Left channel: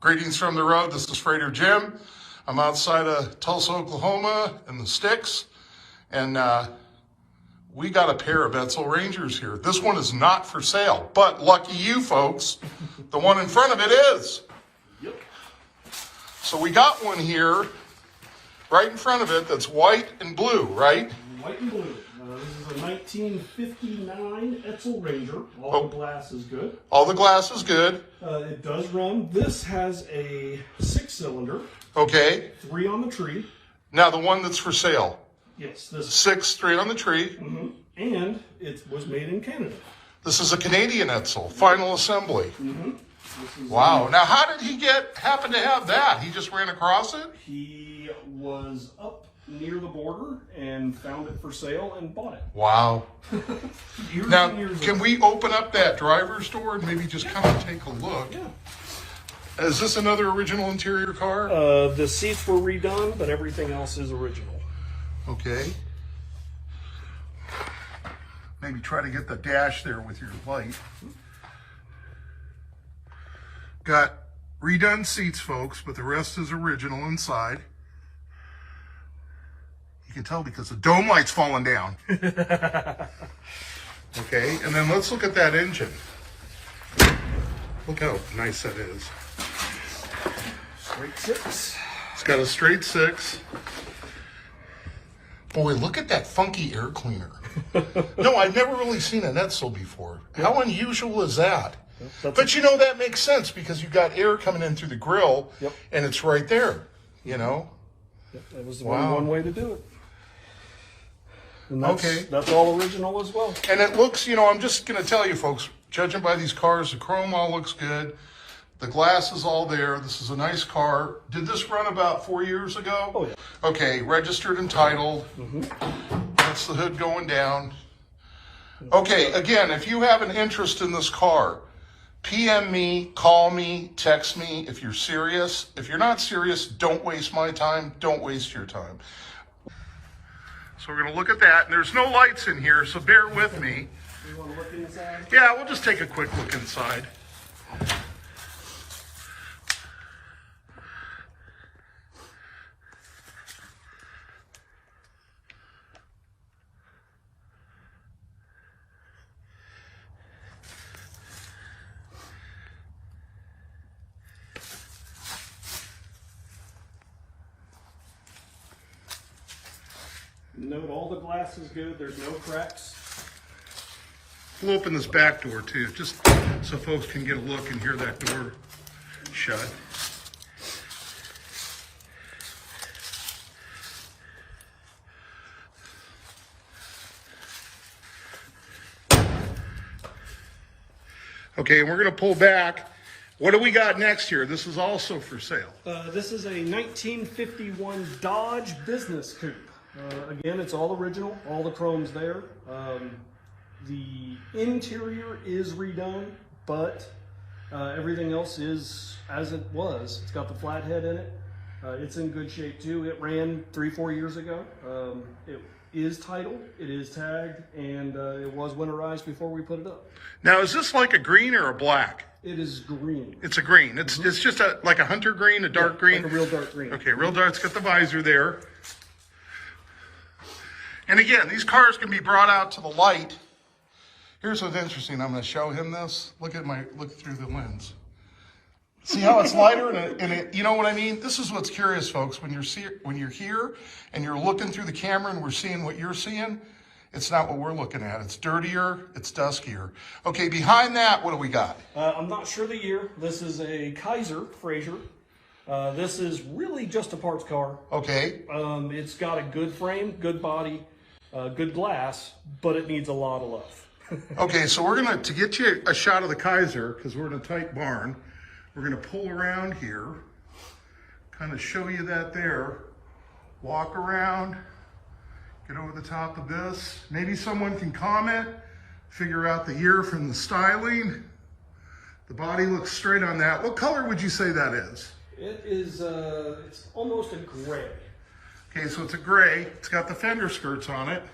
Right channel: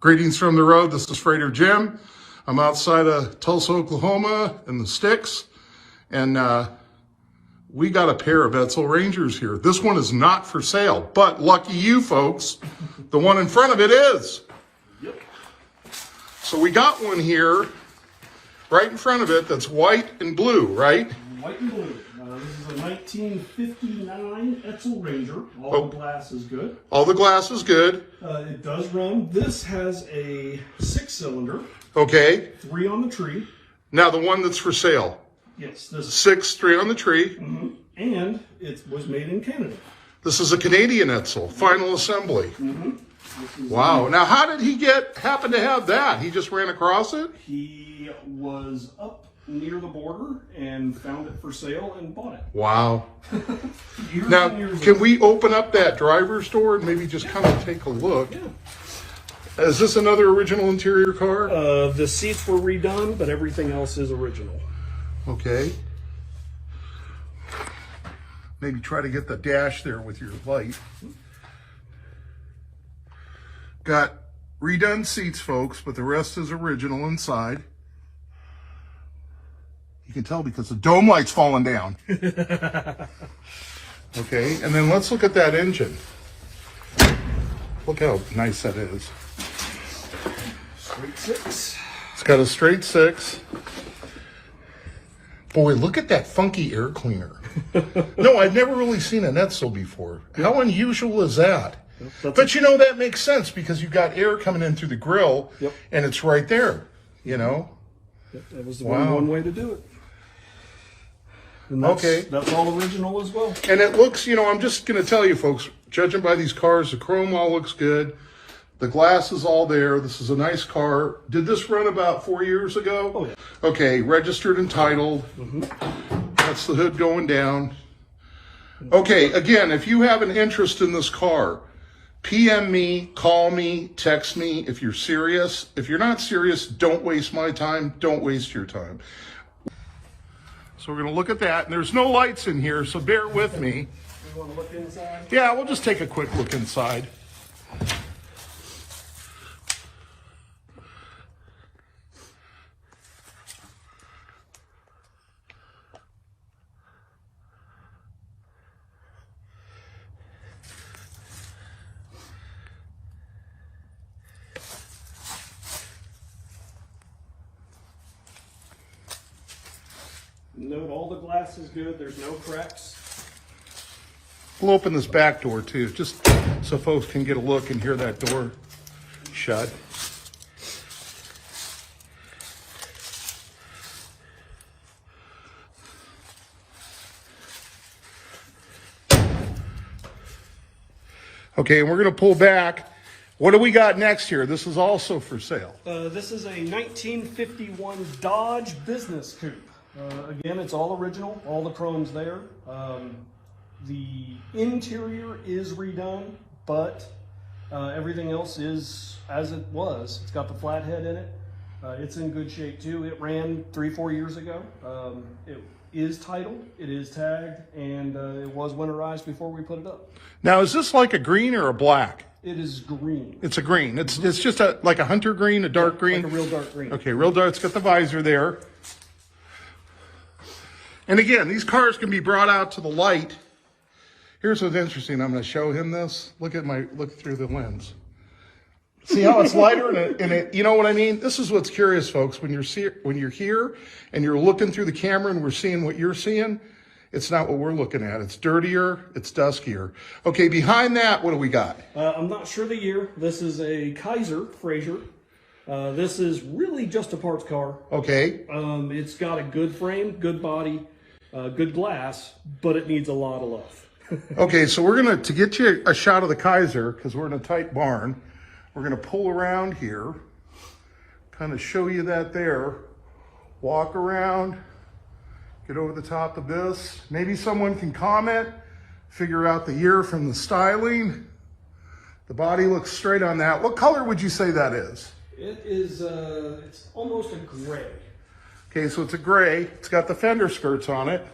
Greetings from the road. This is Freighter Jim. I'm outside of Tulsa, Oklahoma in the sticks, and we got a pair of Edsel Rangers here. This one is not for sale, but lucky you folks, the one in front of it is. Yep. So we got one here right in front of it that's white and blue, right? White and blue. This is a 1959 Edsel Ranger. All the glass is good. All the glass is good. It does run. This has a 6-cylinder. Okay. 3 on the tree. Now the one that's for sale. Yes. This 6, 3 on the tree. And it was made in Canada. This is a Canadian Edsel, final assembly. Mm-hmm. Wow. Now how did he happen to have that? He just ran across it? He was up near the border and found it for sale and bought it. Wow. Years Now, and years can ago. we open up that driver's door and maybe just kind of take a look? Yeah. Is this another original interior car? The seats were redone, but everything else is original. Okay. Maybe try to get the dash there with your light. Got redone seats, folks, but the rest is original inside. You can tell because the dome light's falling down. Okay, and then let's look at that engine. Look how nice that is. Straight 6. It's got a straight 6. Boy, look at that funky air cleaner. No, I've never really seen an Edsel before. How unusual is that? But you know, that makes sense because you've got air coming in through the grill and it's right there, you know? That was the one way to do it. And that's all original as well. And it looks, you know, I'm just going to tell you folks, judging by these cars, the chrome all looks good. The glass is all there. This is a nice car. Did this run about 4 years ago? Oh, yeah. Okay, registered and titled. That's the hood going down. Okay, again, if you have an interest in this car, PM me, call me, text me if you're serious. If you're not serious, don't waste my time. Don't waste your time. So we're going to look at that. And there's no lights in here, so bear with me. You want to look inside? Yeah, we'll just take a quick look inside. Note all the glass is good. There's no cracks. We'll open this back door too, just so folks can get a look and hear that door shut. Okay, and we're going to pull back. What do we got next here? This is also for sale. This is a 1951 Dodge Business Coupe. Again, it's all original. All the chrome's there. The interior is redone, but everything else is as it was. It's got the flathead in it. It's in good shape too. It ran 3-4 years ago. It is titled, it is tagged, and it was winterized before we put it up. Now, is this like a green or a black? It is green. It's a green. It's just like a hunter green, a dark green? Like a real dark green. Okay, real dark. It's got the visor there. And again, these cars can be brought out to the light. Here's what's interesting. I'm going to show him this. Look through the lens. See how it's lighter and it, you know what I mean? This is what's curious, folks. When you're here and you're looking through the camera and we're seeing what you're seeing, it's not what we're looking at. It's dirtier, it's duskier. Okay, behind that, what do we got? I'm not sure the year. This is a Kaiser Fraser. This is really just a parts car. Okay. It's got a good frame, good body, good glass, but it needs a lot of love. Okay, so we're going to get you a shot of the Kaiser, because we're in a tight barn, we're going to pull around here, kind of show you that there, walk around, get over the top of this. Maybe someone can comment, figure out the year from the styling. The body looks straight on that. What color would you say that is? It is, it's almost a gray. Okay, so it's a gray. It's got the fender skirts on it.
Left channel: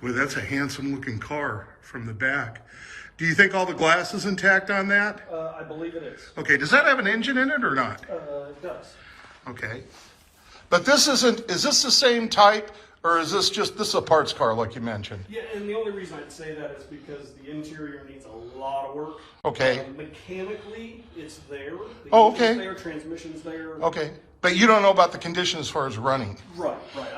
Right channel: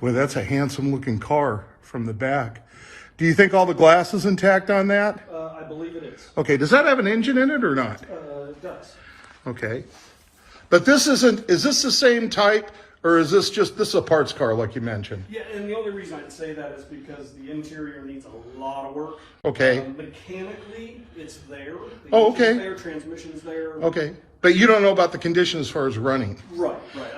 Boy, that's a handsome looking car from the back. Do you think all the glass is intact on that? I believe it is. Okay, does that have an engine in it or not? It does. Okay. But this isn't, is this the same type or is this is a parts car like you mentioned? Yeah, and the only reason I'd say that is because the interior needs a lot of work. Okay. Mechanically, it's there. The Oh, engine's okay. there, transmission's there. Okay. But you don't know about the condition as far as running. Right.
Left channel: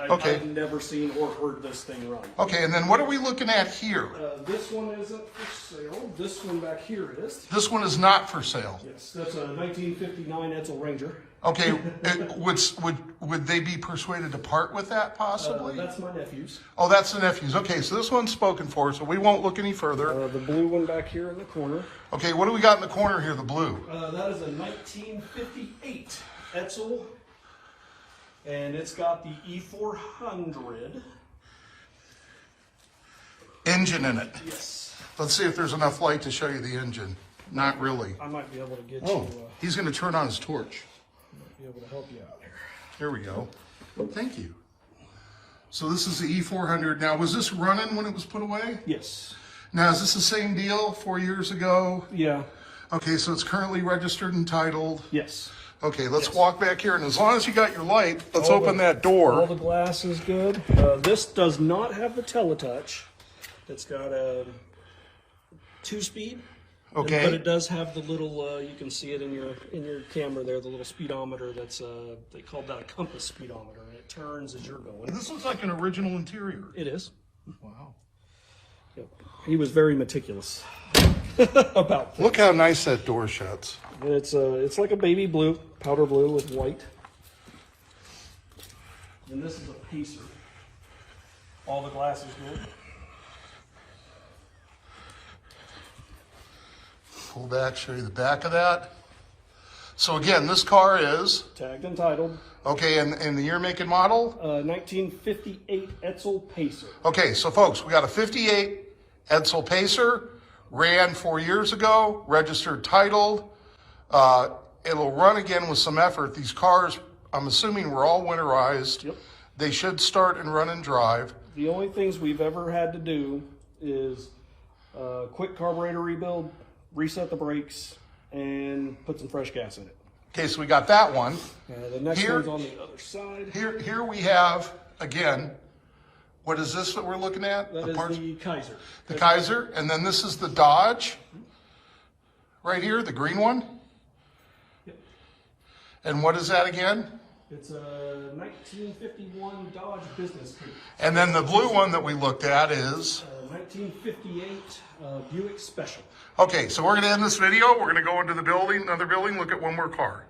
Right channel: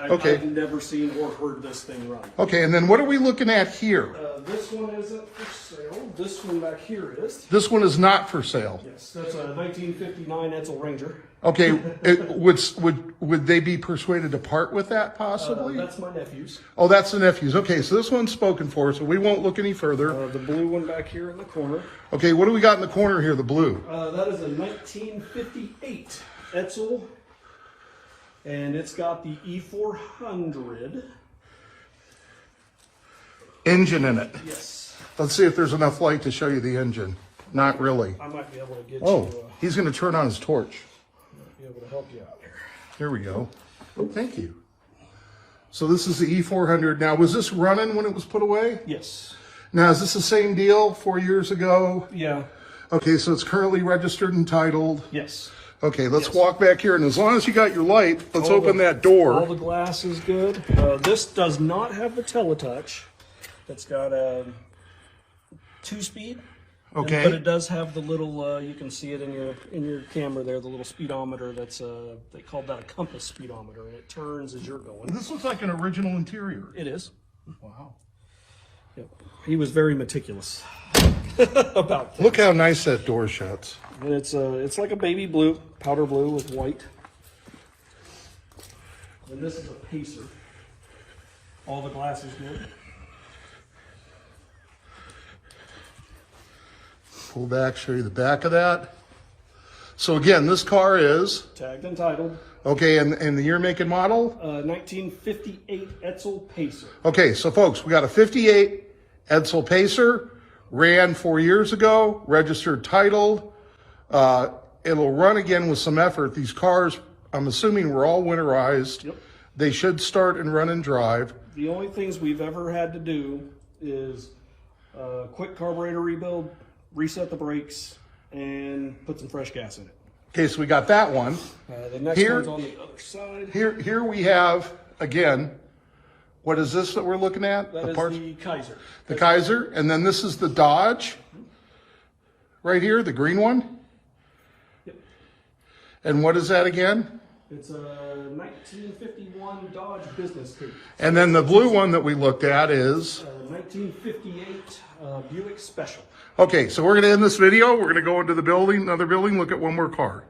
Okay. I've never seen or heard this thing run. Okay, and then what are we looking at here? This one isn't for sale. This one back here is. This one is not for sale. Yes, that's a 1959 Edsel Ranger. Okay, would they be persuaded to part with that possibly? That's my nephew's. Oh, that's the nephew's. Okay, so this one's spoken for, so we won't look any further. The blue one back here in the corner. Okay, what do we got in the corner here, the blue? That is a 1958 Edsel, and it's got the E400. Engine in it. Yes. Let's see if there's enough light to show you the engine. Not really. I might be able to get Oh, you. he's going to turn on his torch. Be able to help you out here. Here we go. Thank you. So this is the E400. Now, was this running when it was put away? Yes. Now, is this the same deal 4 years ago? Yeah. Okay, so it's currently registered and titled. Yes. Okay, let's walk back here. And as long as you got your light, let's All open that All door. the glass is good. This does not have the teletouch. It's got a 2-speed. But Okay. it does have the little, you can see it in your camera there, the little speedometer that's, they call that a compass speedometer, and it turns as you're going. This looks like an original interior. It is. Wow. He was very meticulous about that. Look how nice that door shuts. And it's like a baby blue, powder blue with white. And this is a Pacer. All the glass is good. Pull back, show you the back of that. So again, this car is, Tagged and titled. okay, and the year, make, and model? 1958 Edsel Pacer. Okay, so folks, we got a 58 Edsel Pacer, ran 4 years ago, registered, titled. It'll run again with some effort. These cars, I'm assuming, were all winterized. Yep. They should start and run and drive. The only things we've ever had to do is quick carburetor rebuild, reset the brakes, and put some fresh gas in it. Okay, so we got that one. The next Here- one's on the other side. Here we have, again, what is this that we're looking at? That is the Kaiser. The Kaiser, and then this is the Dodge, right here, the green one. Yep. And what is that again? It's a 1951 Dodge Business Coupe. And then the blue one that we looked at is, 1958 Buick Special. okay, so we're gonna end this video. We're gonna go into the building, another building, look at one more car.